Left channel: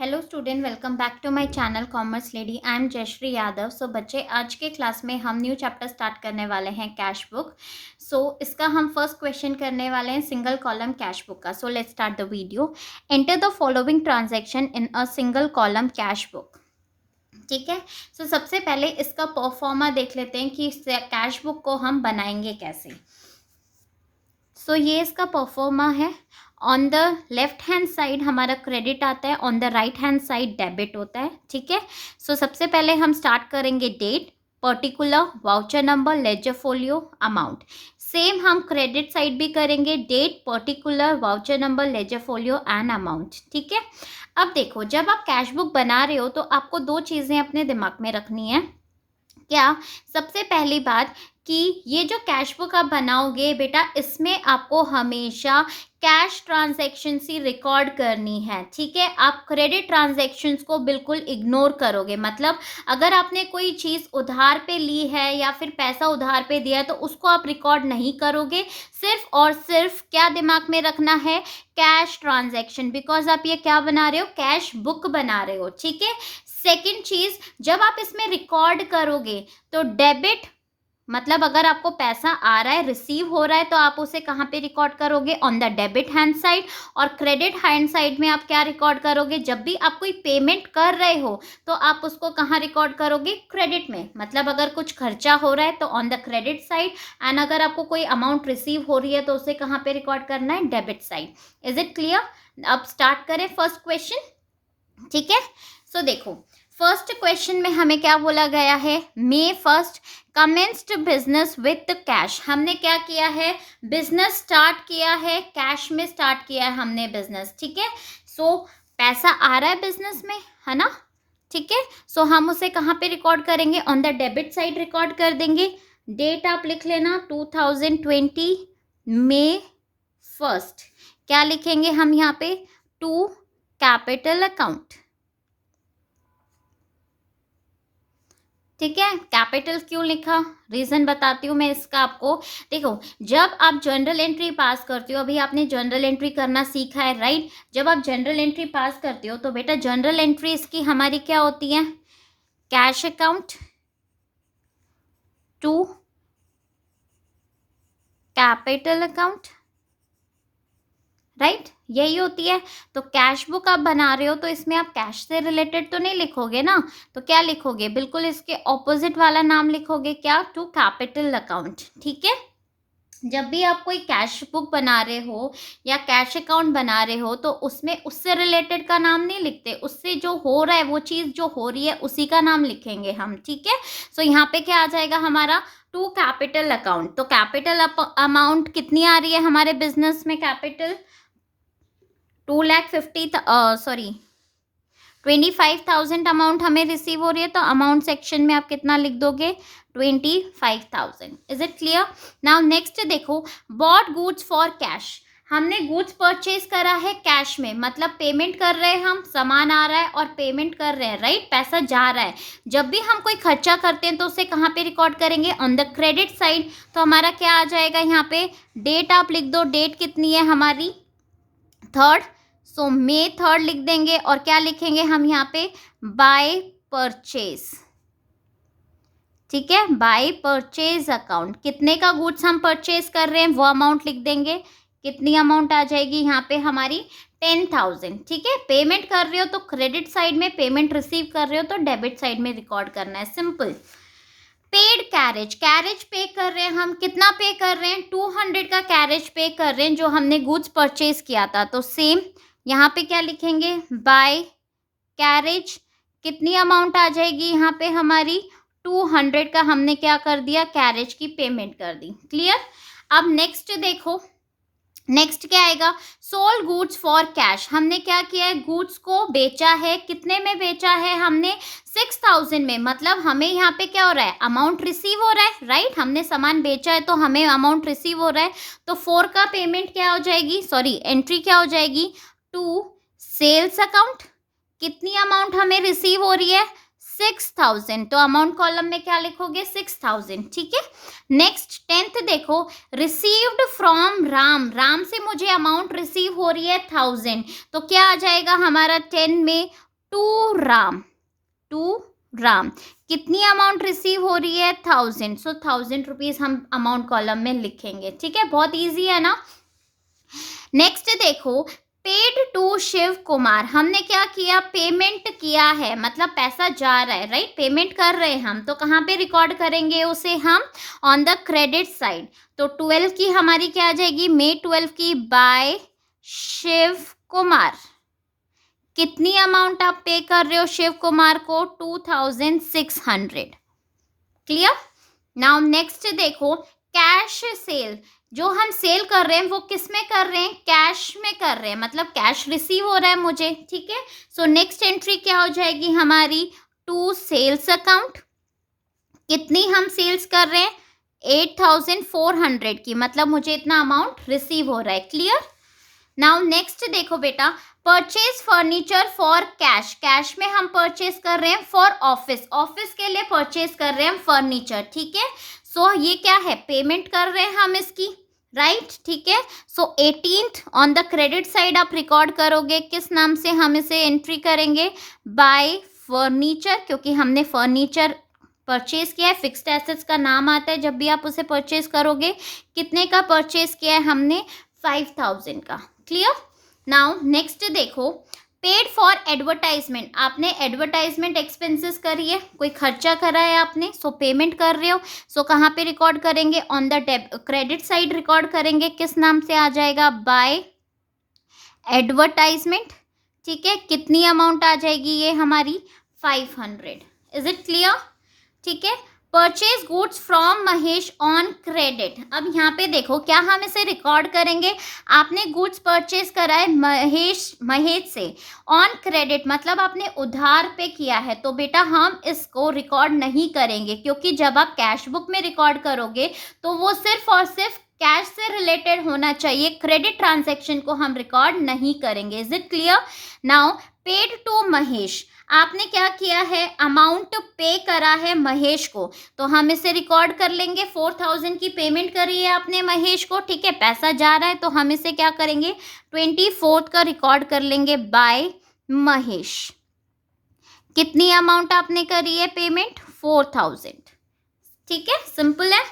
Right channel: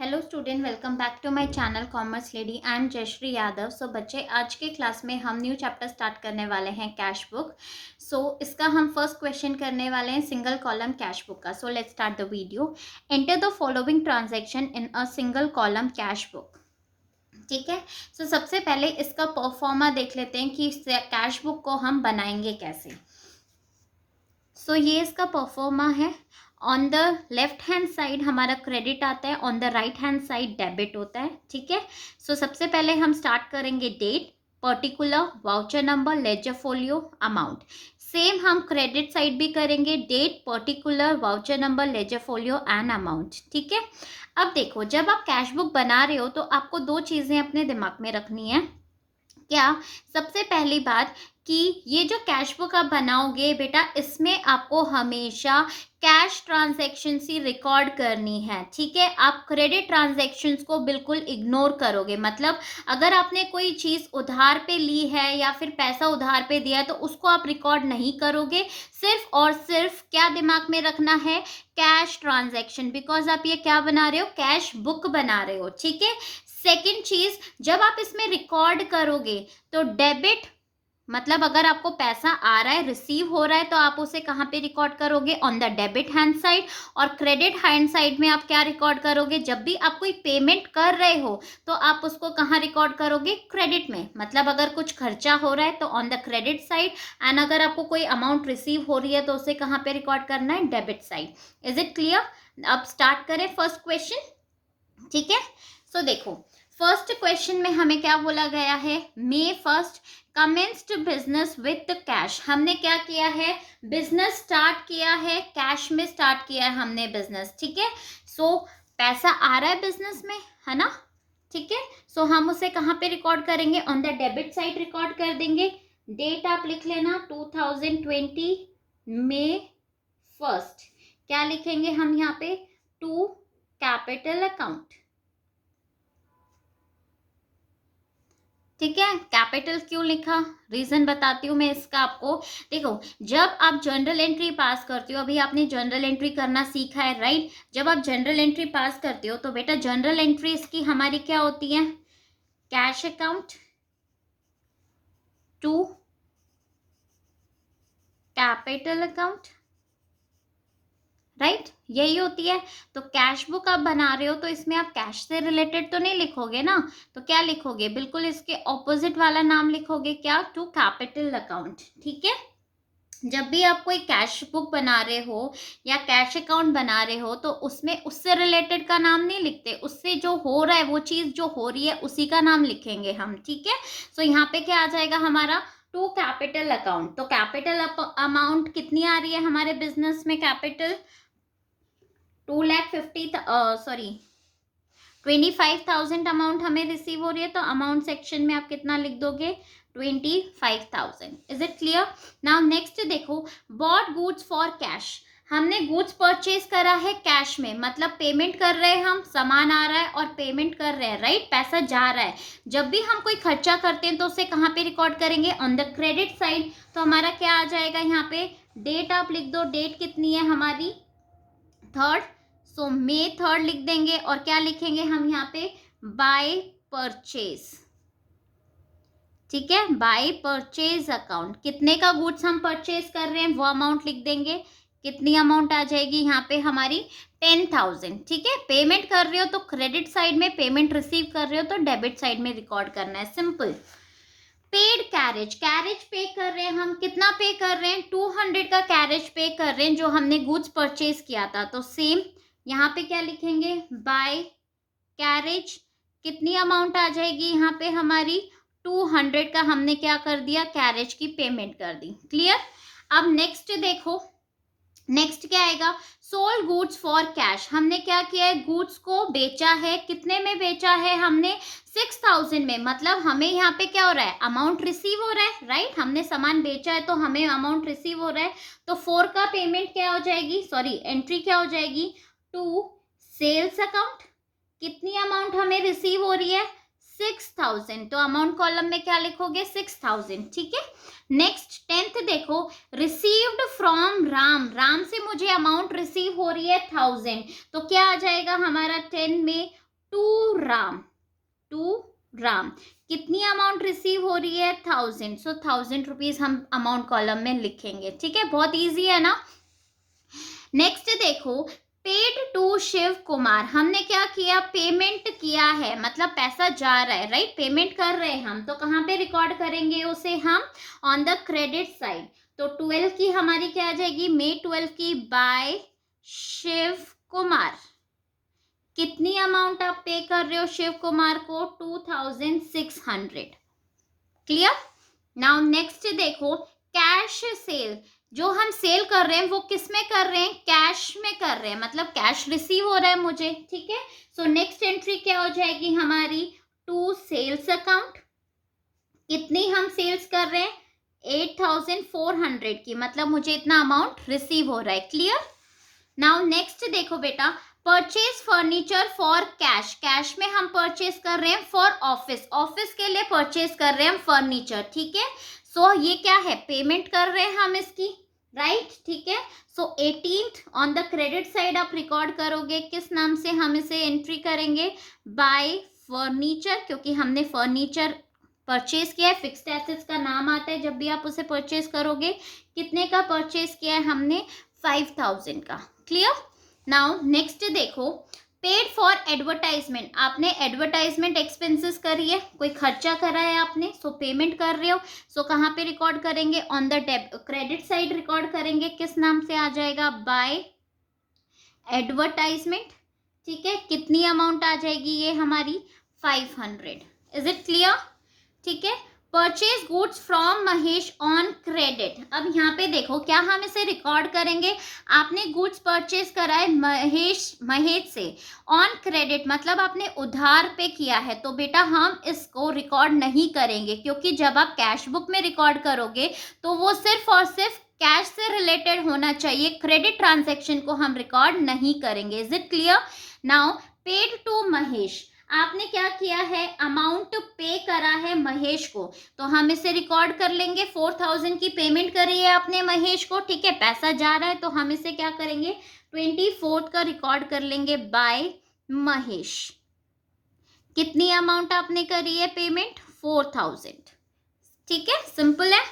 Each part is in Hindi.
Hello student, welcome back to my channel commerce lady. I am Jayshree Yadav. So बच्चे, आज के क्लास में हम न्यू चैप्टर स्टार्ट करने वाले हैं कैश बुक। इसका हम फर्स्ट क्वेश्चन करने वाले हैं सिंगल कॉलम कैश बुक का। So let's start the video. Enter the following transaction in a single column cash book. ठीक है। सबसे पहले इसका परफॉर्मा देख लेते हैं कि कैश बुक को हम बनाएंगे कैसे। ये इसका परफॉर्मा है। On the left hand side हमारा क्रेडिट आता है, on the right hand side debit होता है। ठीक है। सबसे पहले हम स्टार्ट करेंगे date, particular, voucher number, ledger folio, amount. Same हम क्रेडिट साइड भी करेंगे, date, particular, voucher number, ledger folio and amount. ठीक है। अब देखो, जब आप कैश बुक बना रहे हो तो आपको दो चीज़ें अपने दिमाग में रखनी है। क्या? सबसे पहली बात कि ये जो कैश बुक आप बनाओगे बेटा, इसमें आपको हमेशा कैश ट्रांजैक्शन ही रिकॉर्ड करनी है। ठीक है। आप क्रेडिट ट्रांजैक्शंस को बिल्कुल इग्नोर करोगे। मतलब अगर आपने कोई चीज़ उधार पे ली है या फिर पैसा उधार पे दिया है तो उसको आप रिकॉर्ड नहीं करोगे। सिर्फ और सिर्फ क्या दिमाग में रखना है? Cash transaction. बिकॉज आप ये क्या बना रहे हो? कैश बुक बना रहे हो। ठीक है। सेकेंड चीज, जब आप इसमें रिकॉर्ड करोगे तो डेबिट, मतलब अगर आपको पैसा आ रहा है, रिसीव हो रहा है, तो आप उसे कहाँ पे रिकॉर्ड करोगे? On the debit hand side. और क्रेडिट हैंड साइड में आप क्या रिकॉर्ड करोगे? जब भी आप कोई पेमेंट कर रहे हो तो आप उसको कहाँ रिकॉर्ड करोगे? क्रेडिट में। मतलब अगर कुछ खर्चा हो रहा है तो on the credit side, and अगर आपको कोई अमाउंट रिसीव हो रही है तो उसे कहाँ पे रिकॉर्ड करना है? Debit side. Is it clear? अब स्टार्ट करें फर्स्ट क्वेश्चन। ठीक है। देखो, फर्स्ट क्वेश्चन में हमें क्या बोला गया है? May first commenced business with cash. हमने क्या किया है? बिजनेस स्टार्ट किया है, कैश में स्टार्ट किया है हमने बिजनेस। ठीक है। पैसा आ रहा है बिजनेस में, है ना? ठीक है। हम उसे कहाँ पे रिकॉर्ड करेंगे? On the debit side record कर देंगे। डेट आप लिख लेना 2020 मे फर्स्ट। क्या लिखेंगे हम यहाँ पे? To capital account. ठीक है। कैपिटल क्यों लिखा? रीजन बताती हूँ मैं इसका आपको। देखो, जब आप जर्नल एंट्री पास करते हो, अभी आपने जर्नल एंट्री करना सीखा है, राइट? जब आप जर्नल एंट्री पास करते हो तो बेटा जर्नल एंट्री इसकी हमारी क्या होती है? Cash account to capital account, right? यही होती है। तो कैश बुक आप बना रहे हो तो इसमें आप कैश से रिलेटेड तो नहीं लिखोगे ना। तो क्या लिखोगे? बिल्कुल इसके ऑपोजिट वाला नाम लिखोगे। क्या? To capital account. ठीक है। जब भी आप कोई कैश बुक बना रहे हो या कैश अकाउंट बना रहे हो तो उसमें उससे रिलेटेड का नाम नहीं लिखते, उससे जो हो रहा है, वो चीज़ जो हो रही है उसी का नाम लिखेंगे हम। ठीक है। यहाँ पे क्या आ जाएगा हमारा? To capital account. तो कैपिटल अमाउंट कितनी आ रही है हमारे बिजनेस में? कैपिटल 25,000 अमाउंट हमें रिसीव हो रही है। तो अमाउंट सेक्शन में आप कितना लिख दोगे? 25,000। Is it clear? Now next देखो, बॉट गुड्स फॉर कैश। हमने गुड्स परचेज करा है कैश में, मतलब पेमेंट कर रहे हैं हम, सामान आ रहा है और पेमेंट कर रहे हैं, राइट? पैसा जा रहा है। जब भी हम कोई खर्चा करते हैं तो उसे कहाँ पे रिकॉर्ड करेंगे? On the credit side. तो हमारा क्या आ जाएगा यहाँ पे? डेट आप लिख दो। डेट कितनी है हमारी? थर्ड। मे थर्ड लिख देंगे। और क्या लिखेंगे हम यहाँ पे? By purchase. ठीक है। By purchase account. कितने का गुड्स हम परचेज कर रहे हैं वो अमाउंट लिख देंगे। कितनी अमाउंट आ जाएगी यहाँ पे हमारी? 10,000। ठीक है। पेमेंट कर रहे हो तो क्रेडिट साइड में, पेमेंट रिसीव कर रहे हो तो डेबिट साइड में रिकॉर्ड करना है। सिंपल। Paid carriage. कैरेज पे कर रहे हैं हम। कितना पे कर रहे हैं? 200 का कैरेज पे कर रहे हैं जो हमने गुड्स परचेज किया था। तो सेम यहाँ पे क्या लिखेंगे? By carriage. कितनी अमाउंट आ जाएगी यहाँ पे हमारी? 200 का हमने क्या कर दिया? कैरेज की पेमेंट कर दी। क्लियर? अब नेक्स्ट देखो, नेक्स्ट क्या आएगा? Sold goods for cash. हमने क्या किया है? गुड्स को बेचा है। कितने में बेचा है हमने? 6,000 में। मतलब हमें यहाँ पे क्या हो रहा है? अमाउंट रिसीव हो रहा है, राइट? हमने सामान बेचा है तो हमें अमाउंट रिसीव हो रहा है। तो 4 का पेमेंट क्या हो जाएगी? सॉरी, एंट्री क्या हो जाएगी? To sales account. कितनी अमाउंट हमें रिसीव हो रही है? 6,000। तो अमाउंट कॉलम में क्या लिखोगे? 6,000। ठीक है। नेक्स्ट 10th देखो, रिसीव्ड फ्रॉम राम। राम से मुझे अमाउंट रिसीव हो रही है 1000। तो क्या आ जाएगा हमारा 10 में? To Ram, to Ram. कितनी अमाउंट रिसीव हो रही है? 1000। सो 1000 रुपीज हम अमाउंट कॉलम में लिखेंगे। ठीक है, बहुत इजी है ना। नेक्स्ट देखो, पेड टू शिव कुमार। हमने क्या किया? पेमेंट किया है, मतलब पैसा जा रहा है, राइट? पेमेंट कर रहे हैं हम, तो कहाँ पे रिकॉर्ड करेंगे उसे हम? On the credit side. तो 12 की हमारी क्या आ जाएगी? May 12 की बाय शिव कुमार। कितनी अमाउंट आप पे कर रहे हो शिव कुमार को? 2600। क्लियर? नाउ नेक्स्ट देखो, कैश सेल। जो हम सेल कर रहे हैं वो किस में कर रहे हैं? कैश में कर रहे हैं, मतलब कैश रिसीव हो रहा है मुझे। ठीक है, सो नेक्स्ट एंट्री क्या हो जाएगी हमारी? To sales account. कितनी हम सेल्स कर रहे हैं? 8400 की, मतलब मुझे इतना अमाउंट रिसीव हो रहा है। क्लियर? नाउ नेक्स्ट देखो बेटा, purchase furniture for cash. Cash में हम परचेज कर रहे हैं फॉर ऑफिस, ऑफिस के लिए परचेज कर रहे हैं हम फर्नीचर। ठीक है, सो ये क्या है? पेमेंट कर रहे हैं हम इसकी, राइट? ठीक है, सो 18th on the credit side आप रिकॉर्ड करोगे, किस नाम से हम इसे एंट्री करेंगे? बाय फर्नीचर, क्योंकि हमने फर्नीचर परचेज किया है। फिक्स्ड एसेट्स का नाम आता है जब भी आप उसे परचेज करोगे। कितने का परचेज किया है हमने? 5000 का। क्लियर? नाउ नेक्स्ट देखो, पेड फॉर एडवर्टाइजमेंट। आपने एडवर्टाइजमेंट एक्सपेंसेस करी है, कोई खर्चा करा है आपने, सो पेमेंट कर रहे हो। सो कहाँ पे रिकॉर्ड करेंगे? On the credit side record करेंगे। किस नाम से आ जाएगा? By advertisement. ठीक है, कितनी अमाउंट आ जाएगी ये हमारी? 500। Is it clear? ठीक है, purchase goods from Mahesh on credit. अब यहाँ पे देखो, क्या हम इसे रिकॉर्ड करेंगे? आपने गुड्स परचेज करा है महेश से ऑन क्रेडिट, मतलब आपने उधार पे किया है, तो बेटा हम इसको रिकॉर्ड नहीं करेंगे, क्योंकि जब आप कैश बुक में रिकॉर्ड करोगे तो वो सिर्फ और सिर्फ कैश से रिलेटेड होना चाहिए। क्रेडिट ट्रांजैक्शन को हम रिकॉर्ड नहीं करेंगे। Is it clear? Now paid to Mahesh, आपने क्या किया है? अमाउंट पे करा है महेश को, तो हम इसे रिकॉर्ड कर लेंगे। 4000 की पेमेंट करी है आपने महेश को। ठीक है, पैसा जा रहा है, तो हम इसे क्या करेंगे? 24th का रिकॉर्ड कर लेंगे बाय महेश। कितनी अमाउंट आपने करी है पेमेंट? 4000। ठीक है, सिंपल है।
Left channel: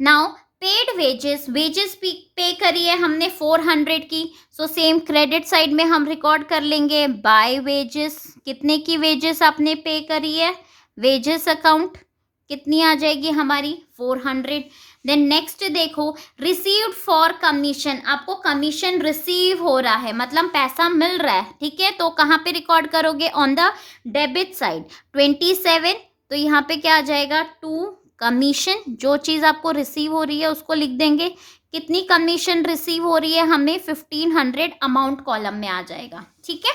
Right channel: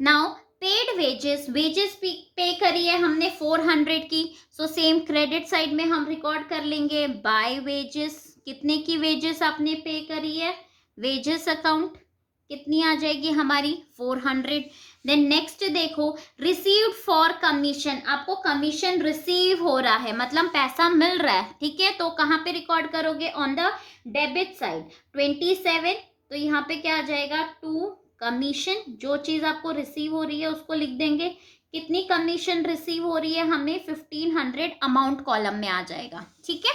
नाउ पेड वेजेस, वेजेस पे करी है हमने 400 की, सो सेम क्रेडिट साइड में हम रिकॉर्ड कर लेंगे बाय वेजेस। कितने की वेजेस आपने पे करी है? वेजेस अकाउंट कितनी आ जाएगी हमारी? 400। देन नेक्स्ट देखो, रिसीव्ड फॉर कमीशन। आपको कमीशन रिसीव हो रहा है, मतलब पैसा मिल रहा है। ठीक है, तो कहाँ पे रिकॉर्ड करोगे? On the debit side 27। तो यहाँ पे क्या आ जाएगा? टू कमीशन, जो चीज़ आपको रिसीव हो रही है उसको लिख देंगे। कितनी कमीशन रिसीव हो रही है हमें? 1500 अमाउंट कॉलम में आ जाएगा। ठीक है,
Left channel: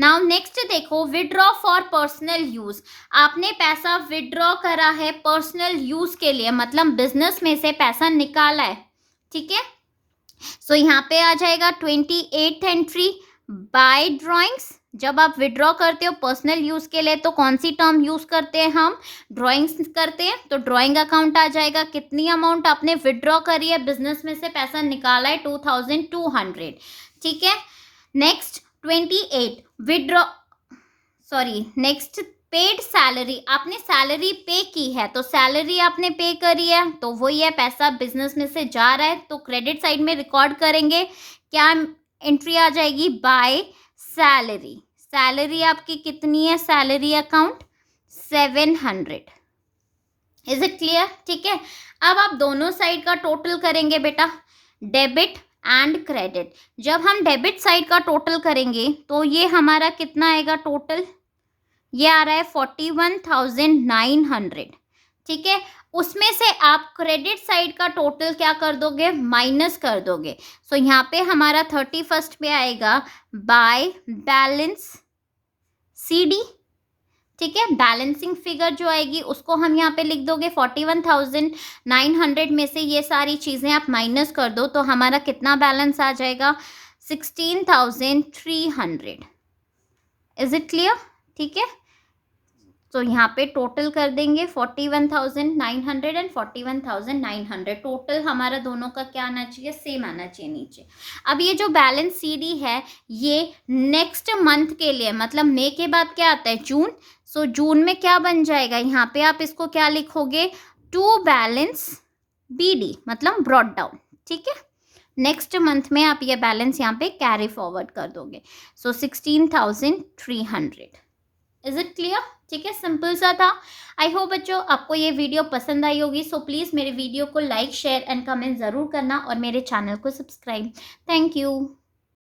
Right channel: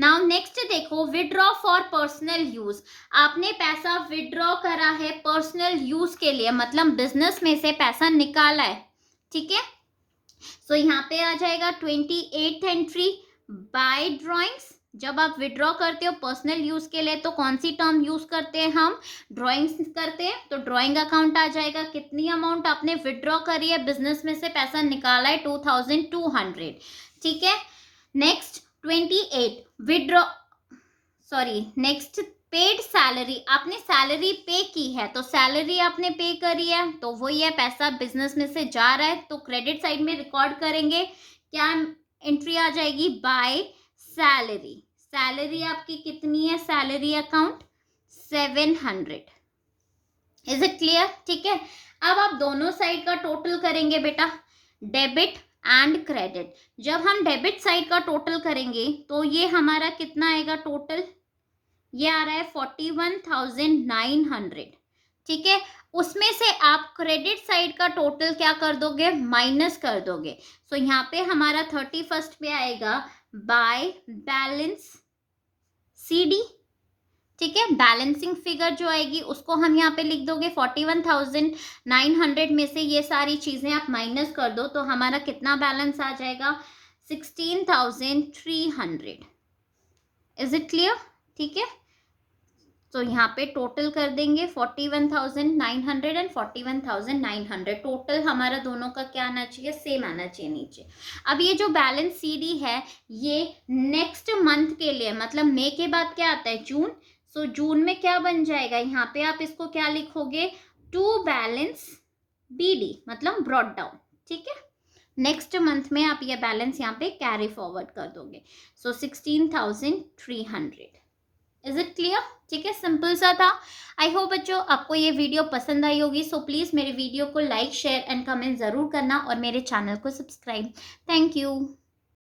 नाउ नेक्स्ट देखो, विड्रॉ फॉर पर्सनल यूज। आपने पैसा विड्रॉ करा है पर्सनल यूज के लिए, मतलब बिजनेस में से पैसा निकाला है। ठीक है, सो यहाँ पे आ जाएगा 28th एंट्री बाय ड्राइंग्स। जब आप विड्रॉ करते हो पर्सनल यूज के लिए, तो कौन सी टर्म यूज करते हैं हम? ड्राइंग्स करते हैं, तो ड्राइंग अकाउंट आ जाएगा। कितनी अमाउंट आपने विड्रॉ करी है, बिजनेस में से पैसा निकाला है? 2200। ठीक है, next 28 withdraw, sorry next paid salary. आपने सैलरी पे की है, तो सैलरी आपने पे करी है, तो वही है, पैसा बिजनेस में से जा रहा है, तो क्रेडिट साइड में रिकॉर्ड करेंगे। क्या एंट्री आ जाएगी? By salary. सैलरी आपकी कितनी है? Salary account 700। Is it clear? ठीक है, अब आप दोनों साइड का टोटल करेंगे बेटा, डेबिट एंड क्रेडिट। जब हम डेबिट साइड का टोटल करेंगे तो ये हमारा कितना आएगा टोटल? ये आ रहा है 41,900। ठीक है, उसमें से आप क्रेडिट साइड का टोटल क्या कर दोगे? माइनस कर दोगे। सो यहाँ पे हमारा 31st पे आएगा बाय बैलेंस CD। ठीक है, बैलेंसिंग फिगर जो आएगी उसको हम यहाँ पे लिख दोगे। 41,900 में से ये सारी चीज़ें आप माइनस कर दो, तो हमारा कितना बैलेंस आ जाएगा? 16,300। Is it clear? ठीक है, तो यहाँ पे टोटल कर देंगे 41,900 एंड 41,900, टोटल हमारा दोनों का क्या आना चाहिए, सेम आना चाहिए नीचे। अब ये जो बैलेंस CD है ये नेक्स्ट मंथ के लिए, मतलब मई के बाद क्या आता है, जून। सो जून में क्या बन जाएगा, यहाँ पे आप इसको क्या लिखोगे, टू बैलेंस BD, मतलब ब्रॉट डाउन, ठीक है। नेक्स्ट मंथ में आप ये बैलेंस यहाँ पे कैरी फॉरवर्ड कर दोगे। सो 16,300। Is it clear? ठीक है, सिंपल सा था। आई होप बच्चों आपको ये वीडियो पसंद आई होगी। सो प्लीज़ मेरे वीडियो को लाइक, शेयर एंड कमेंट ज़रूर करना और मेरे चैनल को सब्सक्राइब। Thank you.